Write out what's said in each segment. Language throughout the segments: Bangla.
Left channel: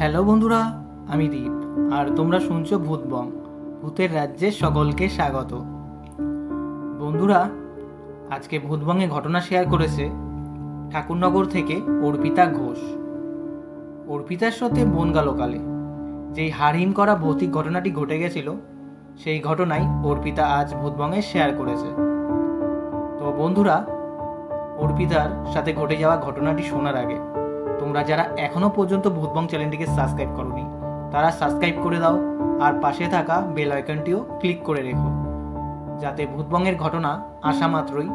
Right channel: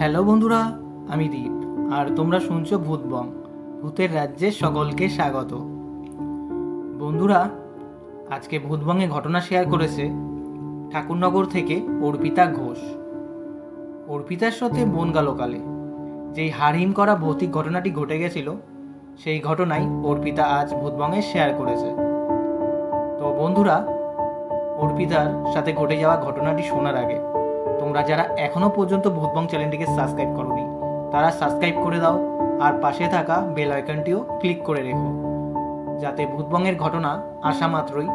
হ্যালো বন্ধুরা, আমি দীপ আর তোমরা শুনছো ভূতবং, ভূতের রাজ্যে সকলকে স্বাগত। বন্ধুরা, আজকে ভূতবংয়ে ঘটনা শেয়ার করেছে ঠাকুরনগর থেকে অর্পিতা ঘোষ। অর্পিতার সাথে বনগালোকালে যেই হাড়হিম করা ভৌতিক ঘটনাটি ঘটে গেছিল, সেই ঘটনাই অর্পিতা আজ ভূতবংয়ে শেয়ার করেছে। তো বন্ধুরা, অর্পিতার সাথে ঘটে যাওয়া ঘটনাটি শোনার আগে তোমরা যারা এখনও পর্যন্ত ভূতবং চ্যানেলটিকে সাবস্ক্রাইব করোনি, তারা সাবস্ক্রাইব করে দাও আর পাশে থাকা বেল আইকনটিও ক্লিক করে রেখো, যাতে ভূতবংয়ের ঘটনা আসা মাত্রই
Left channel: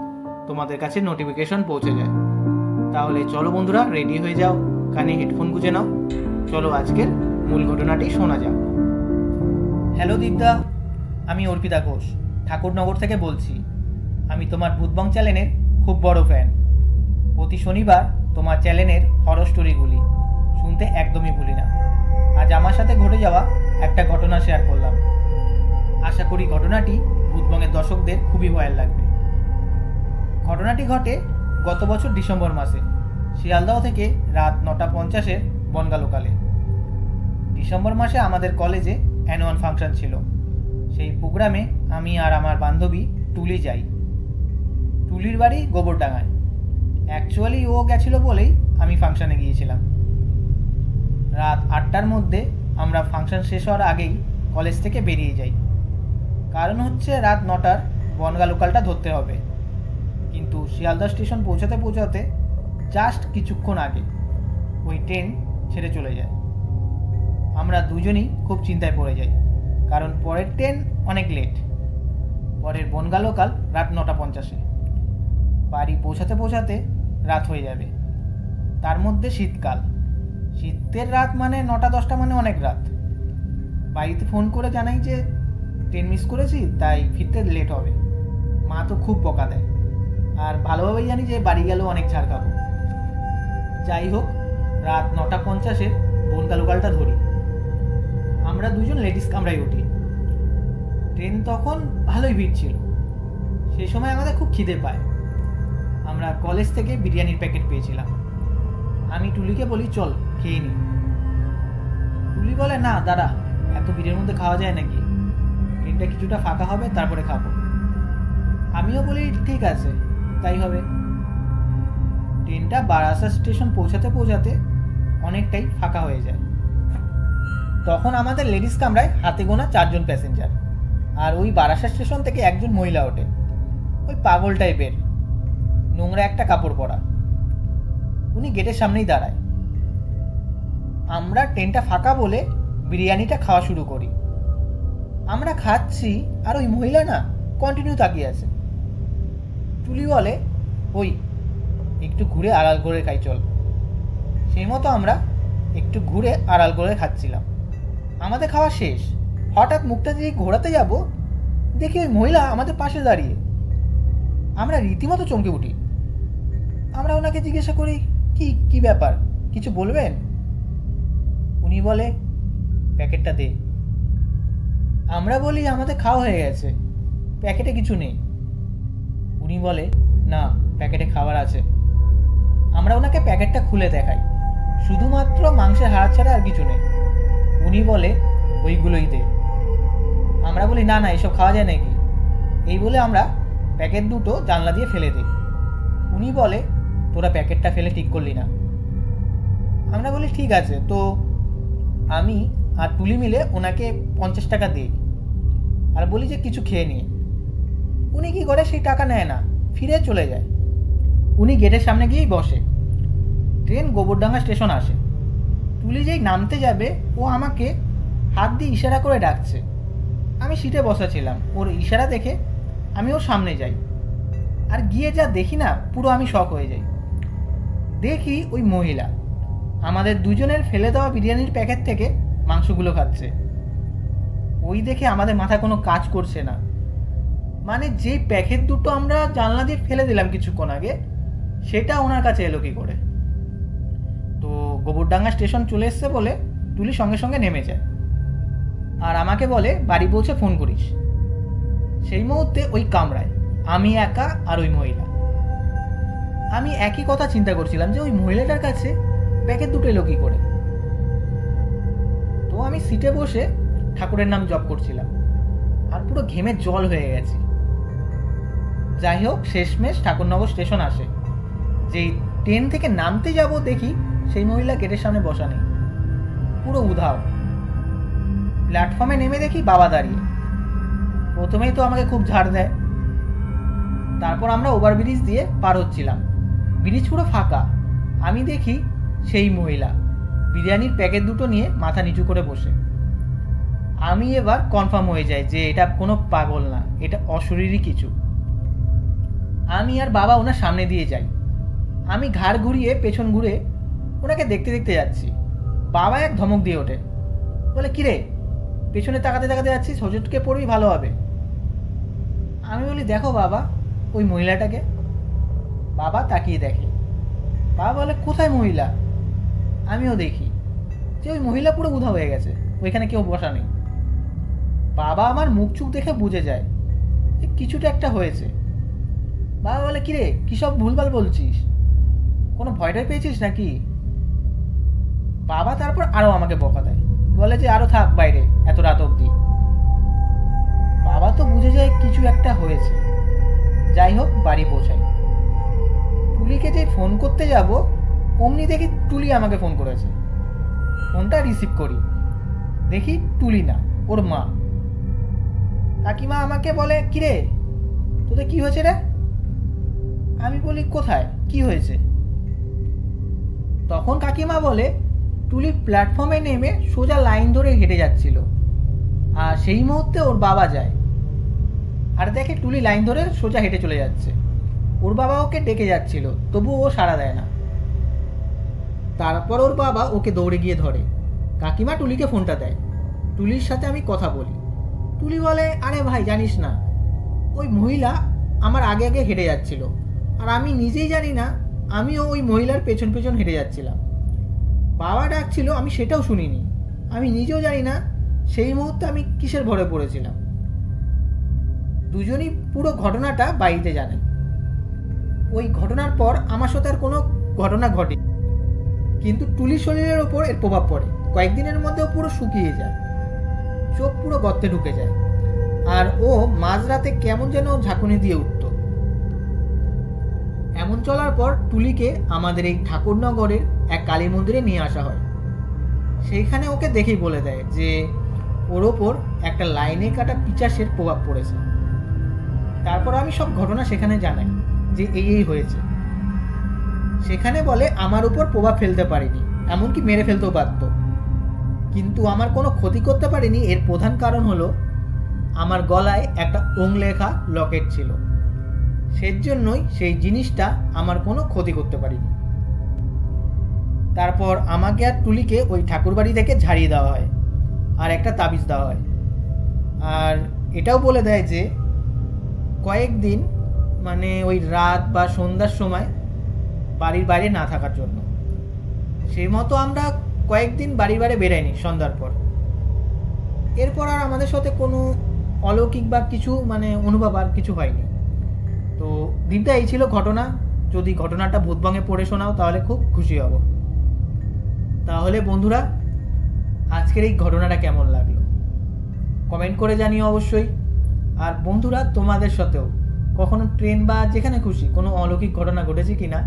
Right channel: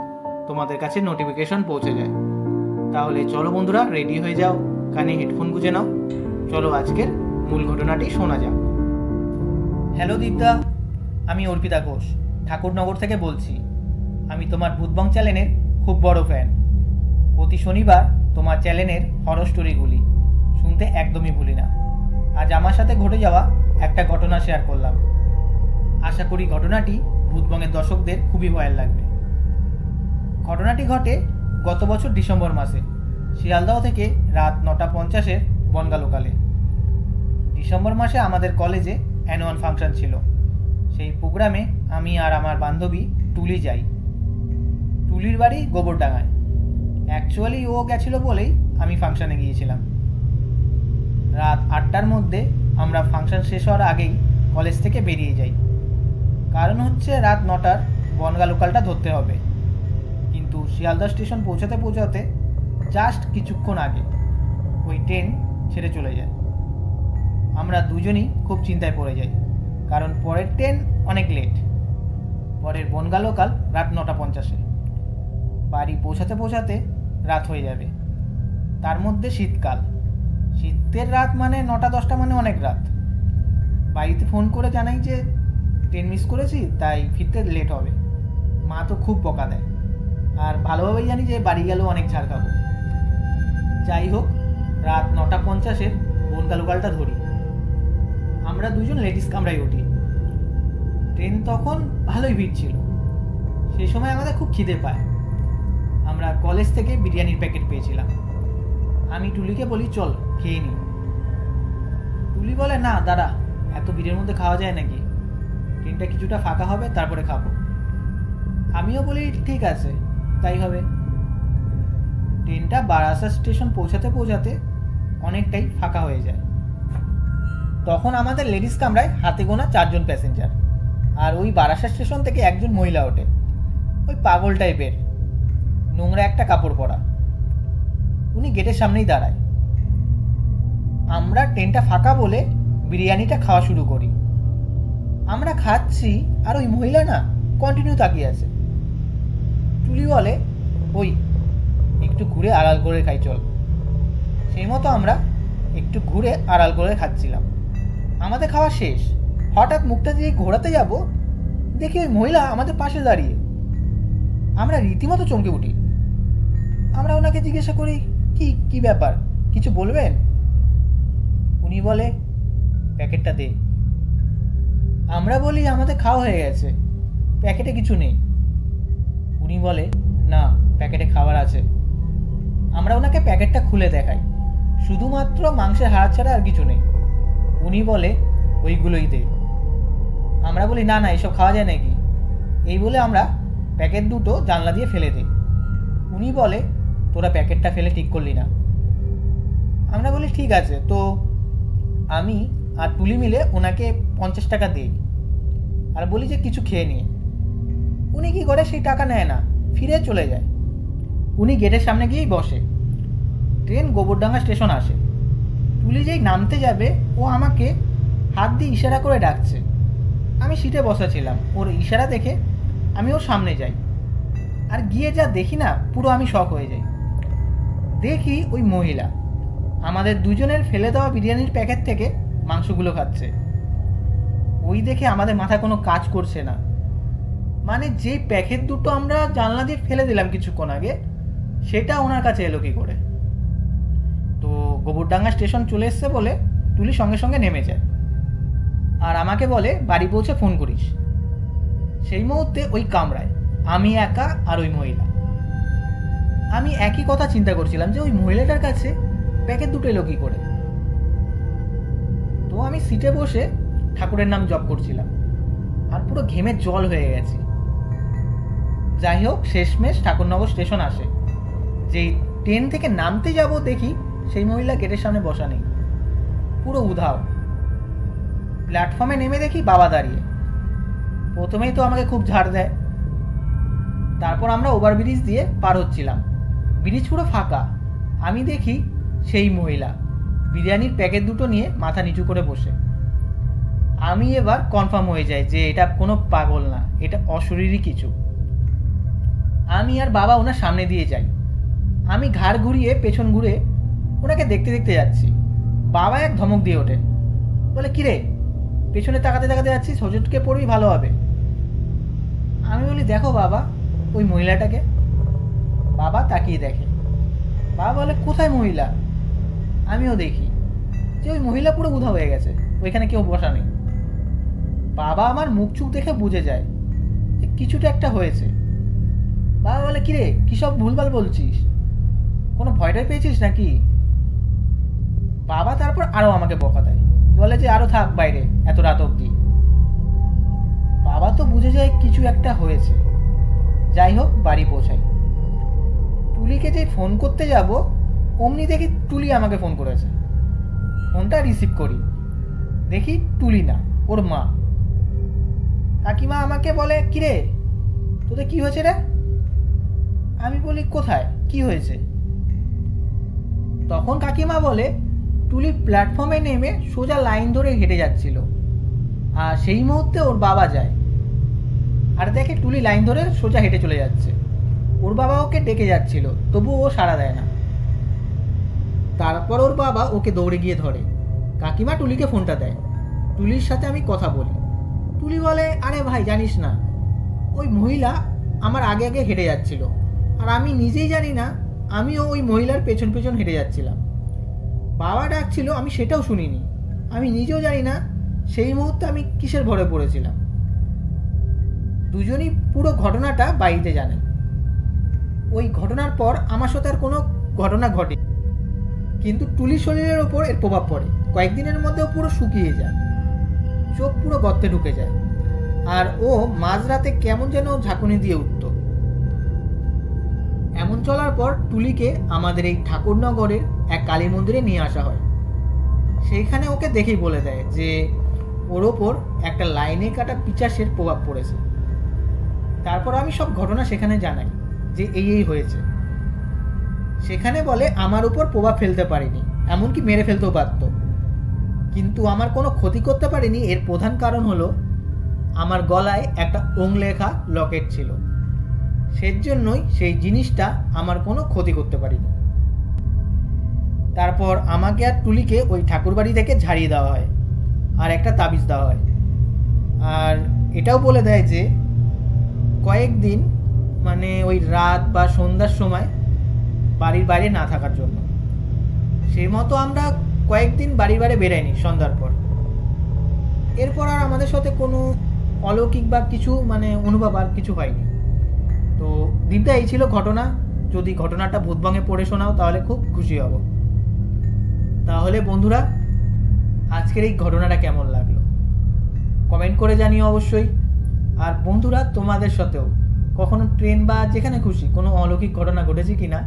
তোমাদের কাছে নোটিফিকেশন পৌঁছে যায়। তাহলে চলো বন্ধুরা, রেডি হয়ে যাও, কানে হেডফোন গুঁজে নাও, চলো আজকের মূল ঘটনাটি শোনা যাক। হ্যালো দীপদা, আমি অর্পিতা ঘোষ ঠাকুরনগর থেকে বলছি। আমি তোমার ভূতবং চ্যানেলের খুব বড় ফ্যান। প্রতি শনিবার তোমার চ্যানেলের হরর স্টোরিগুলি শুনতে একদমই ভুলি না। আজ আমার সাথে ঘটে যাওয়া একটা ঘটনা শেয়ার করলাম। আশা করি ঘটনাটি ভূতবংয়ের দর্শকদের খুবই ভয়াল লাগবে। ঘটনাটি ঘটে গত বছর ডিসেম্বর মাসে শিয়ালদহ থেকে রাত 9:50 বনগালোকালে। ডিসেম্বর মাসে আমাদের কলেজে অ্যানুয়াল ফাংশন ছিল। সেই প্রোগ্রামে আমি আর আমার বান্ধবী টুলি যাই। টুলির বাড়ি গোবরডাঙ্গায়। অ্যাকচুয়ালি ও গেছিল বলেই আমি ফাংশানে গিয়েছিলাম। রাত 8টার মধ্যে আমরা ফাংশন শেষ হওয়ার আগেই কলেজ থেকে বেরিয়ে যাই। কারণ হচ্ছে রাত 9টার বনগা লোকালটা ধরতে হবে। কিন্তু শিয়ালদা স্টেশন পৌঁছাতে পৌঁছাতে জাস্ট কিছুক্ষণ আগে ওই ট্রেন ছেড়ে চলে যায়। আমরা দুজনই খুব চিন্তায় পড়ে যাই, কারণ পরের ট্রেন অনেক লেট। পরের বনগা লোকাল রাত 9:50। বাড়ি পৌঁছাতে পৌঁছাতে রাত হয়ে যাবে। তার মধ্যে শীতকাল, শীতের রাত মানে 9:10 মানে অনেক রাত। বাড়িতে ফোন করে জানাই যে ট্রেন মিস করেছি, তাই ফিরতে লেট হবে। মা তো খুব বকা দেয়, আর ভালোভাবেই জানি যে বাড়ি গেলেও অনেক ছাড় খাবো। যাই হোক, রাত 9:50 বনগা লোকালটা ধরি। আমরা দুজন লেডিস কামরায় উঠি। ট্রেন তখন ভালোই ভিড় ছিল। সেই সময় আমাদের খুব খিদে পায়। আমরা কলেজ থেকে বিরিয়ানির প্যাকেট পেয়েছিলাম। আমি টুলিকে বলি, চল খেয়ে নিই। টুলি বলে, না দাঁড়া, এত ভিড়ের মধ্যে খাওয়া যায় নাকি, ট্রেনটা কিছুটা ফাঁকা হবে তারপরে খাবো। আমিও বলি ঠিক আছে, তাই হবে। ট্রেনটা বারাসাত স্টেশন পৌঁছাতে পৌঁছাতে অনেকটাই ফাঁকা হয়ে যায়। তখন আমাদের লেডিস কামরায় হাতে গোনা 4জন প্যাসেঞ্জার, আর ওই বারাসাত স্টেশন থেকে একজন মহিলা ওঠে। ওই পাগল টাইপের, নোংরা একটা কাপড় পরা। উনি গেটের সামনেই দাঁড়ায়। আমরা ট্রেনটা ফাঁকা বলে বিরিয়ানিটা খাওয়া শুরু করি। আমরা খাচ্ছি আর ওই মহিলা না কন্টিনিউ তাকিয়ে আছে। টুলি বলে, ওই একটু ঘুরে আড়াল করে খাই চল। সেই মতো আমরা একটু ঘুরে আড়াল করে খাচ্ছিলাম। আমাদের খাওয়া শেষ। হঠাৎ মুখটা দিয়ে ঘোরাতে যাব, দেখি ওই মহিলা আমাদের পাশে দাঁড়িয়ে। আমরা রীতিমতো চমকে উঠি। আমরা ওনাকে জিজ্ঞাসা করি, কি কি ব্যাপার, কিছু বলবেন? উনি বলে, প্যাকেটটা দে। আমরা বলি, আমাদের খাওয়া হয়ে গেছে, প্যাকেটে কিছু নেই। উনি বলে, না, প্যাকেটে খাবার আছে। আমরা ওনাকে প্যাকেটটা খুলে দেখাই, শুধুমাত্র মাংসের হাড় ছাড়া আর কিছু নেই। উনি বলে, ওইগুলোই দে। আমরা বলি, না না, এসব খাওয়া যায় নাকি? এই বলে আমরা প্যাকেট দুটো জানলা দিয়ে ফেলে দিই। উনি বলে, তোরা প্যাকেটটা ফেলে ঠিক করলি না। আমরা বলি, ঠিক আছে। তো আমি আর টুলি মিলে ওনাকে 50 টাকা দিই আর বলি যে কিছু খেয়ে নিয়ে। উনি কি করে, সেই টাকা নেয় না, ফিরে চলে যায়। উনি গেটের সামনে গিয়েই বসে। ট্রেন গোবরডাঙ্গা স্টেশন আসে। টুলি যেই নামতে যাবে, ও আমাকে হাত দিয়ে ইশারা করে ডাকছে। আমি সিটে বসা ছিলাম। ওর ইশারা দেখে আমি ওর সামনে যাই, আর গিয়ে যা দেখি না, পুরো আমি শক হয়ে যাই। দেখি ওই মহিলা আমাদের দুজনের ফেলে দেওয়া বিরিয়ানির প্যাকেট থেকে মাংসগুলো খাচ্ছে। ওই দেখে আমাদের মাথা কোনো কাজ করছে না। মানে যেই প্যাকেট দুটো আমরা জানলা দিয়ে ফেলে দিলাম কিছুক্ষণ আগে, সেটা ওনার কাছে এলো কি করে? তো গোবরডাঙ্গা স্টেশন চলে এসছে বলে টুলি সঙ্গে সঙ্গে নেমে যায়, আর আমাকে বলে বাড়ি পৌঁছে ফোন করিস। সেই মুহূর্তে ওই কামরায় আমি একা আর ওই মহিলা। আমি একই কথা চিন্তা করছিলাম যে ওই মহিলাটার কাছে প্যাকেট দুটো এলো কী করে। তো আমি সিটে বসে ঠাকুরের নাম জপ করছিলাম, আর পুরো ঘেমে জল হয়ে গেছি। যাই হোক, শেষমেশ ঠাকুরনগর স্টেশন আসে। যেই ট্রেন থেকে নামতে যাব দেখি সেই মহিলা গেটের সামনে বসা নেই, পুরো উধাও। প্ল্যাটফর্মে নেমে দেখি বাবা দাঁড়িয়ে। প্রথমেই তো আমাকে খুব ঝাড় দেয়। তারপর আমরা ওভারব্রিজ দিয়ে পার হচ্ছিলাম, ব্রিজ পুরো ফাঁকা। আমি দেখি সেই মহিলা বিরিয়ানির প্যাকেট দুটো নিয়ে মাথা নিচু করে বসে। আমি এবার কনফার্ম হয়ে যাই যে এটা কোনো পাগল না, এটা অশরীরই কিছু। আমি আর বাবা ওনার সামনে দিয়ে যাই। আমি ঘাড় ঘুরিয়ে পেছন ঘুরে ওনাকে দেখতে দেখতে যাচ্ছি। বাবা এক ধমক দিয়ে ওঠে, বলে, কিরে পেছনে তাকাতে তাকাতে যাচ্ছিস, হোঁচটকে পড়বি, ভালো হবে। আমি বলি, দেখো বাবা ওই মহিলাটাকে। বাবা তাকিয়ে দেখে। বাবা বলে, কোথায় মহিলা? আমিও দেখি যে ওই মহিলা পুরো উধাও হয়ে গেছে, ওইখানে কেউ বসা নেই। বাবা আমার মুখ চুখ দেখে বুঝে যায় যে কিছুটা একটা হয়েছে। বাবা বলে, কিরে কী সব ভুলভাল বলছিস, কোনো ভয়টাই পেয়েছিস নাকি? বাবা তারপর আরও আমাকে বকা দেয়, বলে যে আরও থাক বাইরে এত রাত অবধি। বাবা তো বুঝে যায় কিছু একটা হয়েছে। যাই হোক, বাড়ি পৌঁছাই। টুলিকে যে ফোন করতে যাব অমনি দেখি টুলি আমাকে ফোন করেছে। ফোনটা রিসিভ করি, দেখি টুলি না, ওর মা। কাকিমা আমাকে বলে, কিরে তোদের কি হয়েছে রে? আমি বলি, কোথায় কি হয়েছে? তখন কাকিমা বলে, টুলি প্ল্যাটফর্মে নেমে সোজা লাইন ধরে হেঁটে যাচ্ছিল, আর সেই মুহূর্তে ওর বাবা যায় আর দেখে টুলি লাইন ধরে সোজা হেঁটে চলে যাচ্ছে। ওর বাবা ওকে ডেকে যাচ্ছিল, তবুও ও সাড়া দেয় না। তারপর ওর বাবা ওকে দৌড়ে গিয়ে ধরে। কাকিমা টুলিকে ফোনটা দেয়। টুলির সাথে আমি কথা বলি। টুলি বলে, আরে ভাই জানিস না, ওই মহিলা আমার আগে আগে হেঁটে যাচ্ছিল, আর আমি নিজেই জানি না আমিও ওই মহিলার পেছন পেছন হেঁটে যাচ্ছিলাম। বাবা ডাকছিল, আমি সেটাও শুনিনি। আমি নিজেও জানি না সেই মুহূর্তে আমি কিসের ভরে পড়েছিলাম। দুজনই পুরো ঘটনাটা বাড়িতে জানে। ওই ঘটনার পর আমার সাথে আর কোনো ঘটনা ঘটে, কিন্তু টুলির শরীরের ওপর এর প্রভাব পড়ে। কয়েকদিনের মধ্যেও পুরো শুকিয়ে যায়, চোখ পুরো গর্তে ঢুকে যায়, আর ও মাঝরাতে কেমন যেন ঝাঁকুনি দিয়ে উঠত। এমন চলার পর টুলিকে আমাদের এই ঠাকুরনগরের এক কালী মন্দিরে নিয়ে আসা হয়। সেইখানে ওকে দেখেই বলে দেয় যে ওর ওপর একটা লাইনে কাটা পিচাসের প্রভাব পড়েছে। তারপর আমি সব ঘটনা সেখানে জানাই যে এই হয়েছে। সেখানে বলে আমার উপর প্রভাব ফেলতে পারিনি, এমনকি মেরে ফেলতেও পারত, কিন্তু আমার কোনো ক্ষতি করতে পারিনি। এর প্রধান কারণ হলো আমার গলায় একটা ওং লেখা লকেট ছিল, সেজন্যই সেই জিনিসটা আমার কোনো ক্ষতি করতে পারিনি। তারপর আমাকে আর টুলিকে ওই ঠাকুরবাড়ি থেকে ঝাড়িয়ে দেওয়া হয়, আর একটা তাবিজ দেওয়া হয়। আর এটাও বলে দেয় যে কয়েকদিন, মানে ওই রাত বা সন্ধ্যার সময় বাড়ির বাইরে না থাকার জন্য। সেই মতো আমরা কয়েকদিন বাড়ির বাইরে বেরাইনি সন্ধ্যার পর। এরপর আর আমাদের সাথে কোনো অলৌকিক বা কিছু মানে অনুভব আর কিছু হয়নি। তো দীপদা, এই ছিল ঘটনা। যদি ঘটনাটা ভূতবঙ্গে পড়ে শোনাও তাহলে খুব খুশি হব। তাহলে বন্ধুরা, আজকের এই ঘটনাটা কেমন লাগলো কমেন্ট করে জানিও অবশ্যই। আর বন্ধুরা, তোমাদের সাথেও কখনো ট্রেন বা যেখানে খুশি কোনো অলৌকিক ঘটনা ঘটেছে কিনা,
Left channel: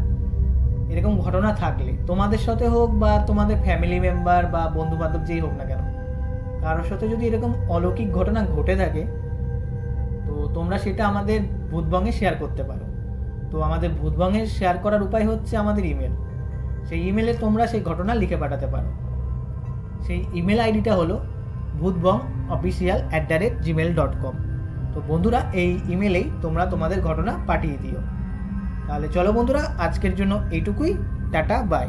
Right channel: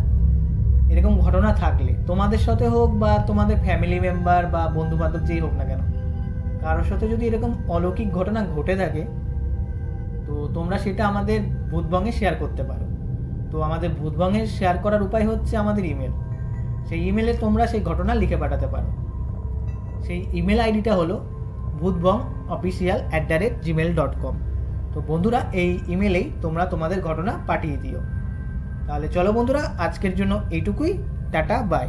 এরকম ঘটনা থাকলে তোমাদের সাথে হোক বা তোমাদের ফ্যামিলি মেম্বার বা বন্ধু বান্ধব যেই হোক না কেন, কারোর সাথে যদি এরকম অলৌকিক ঘটনা ঘটে থাকে, তো তোমরা সেটা আমাদের ভূতবঙ্গে শেয়ার করতে পারো। তো আমাদের ভূতবঙ্গে শেয়ার করার উপায় হচ্ছে আমাদের ইমেল। সেই ইমেলে তোমরা সেই ঘটনা লিখে পাঠাতে পারো। সেই ইমেল আইডিটা হলো bhutbongofficial@gmail.com। তো বন্ধুরা, এই ইমেলেই তোমরা তোমাদের ঘটনা পাঠিয়ে দিও। তাহলে চলো বন্ধুরা, আজকের জন্য এইটুকুই। Tata, by.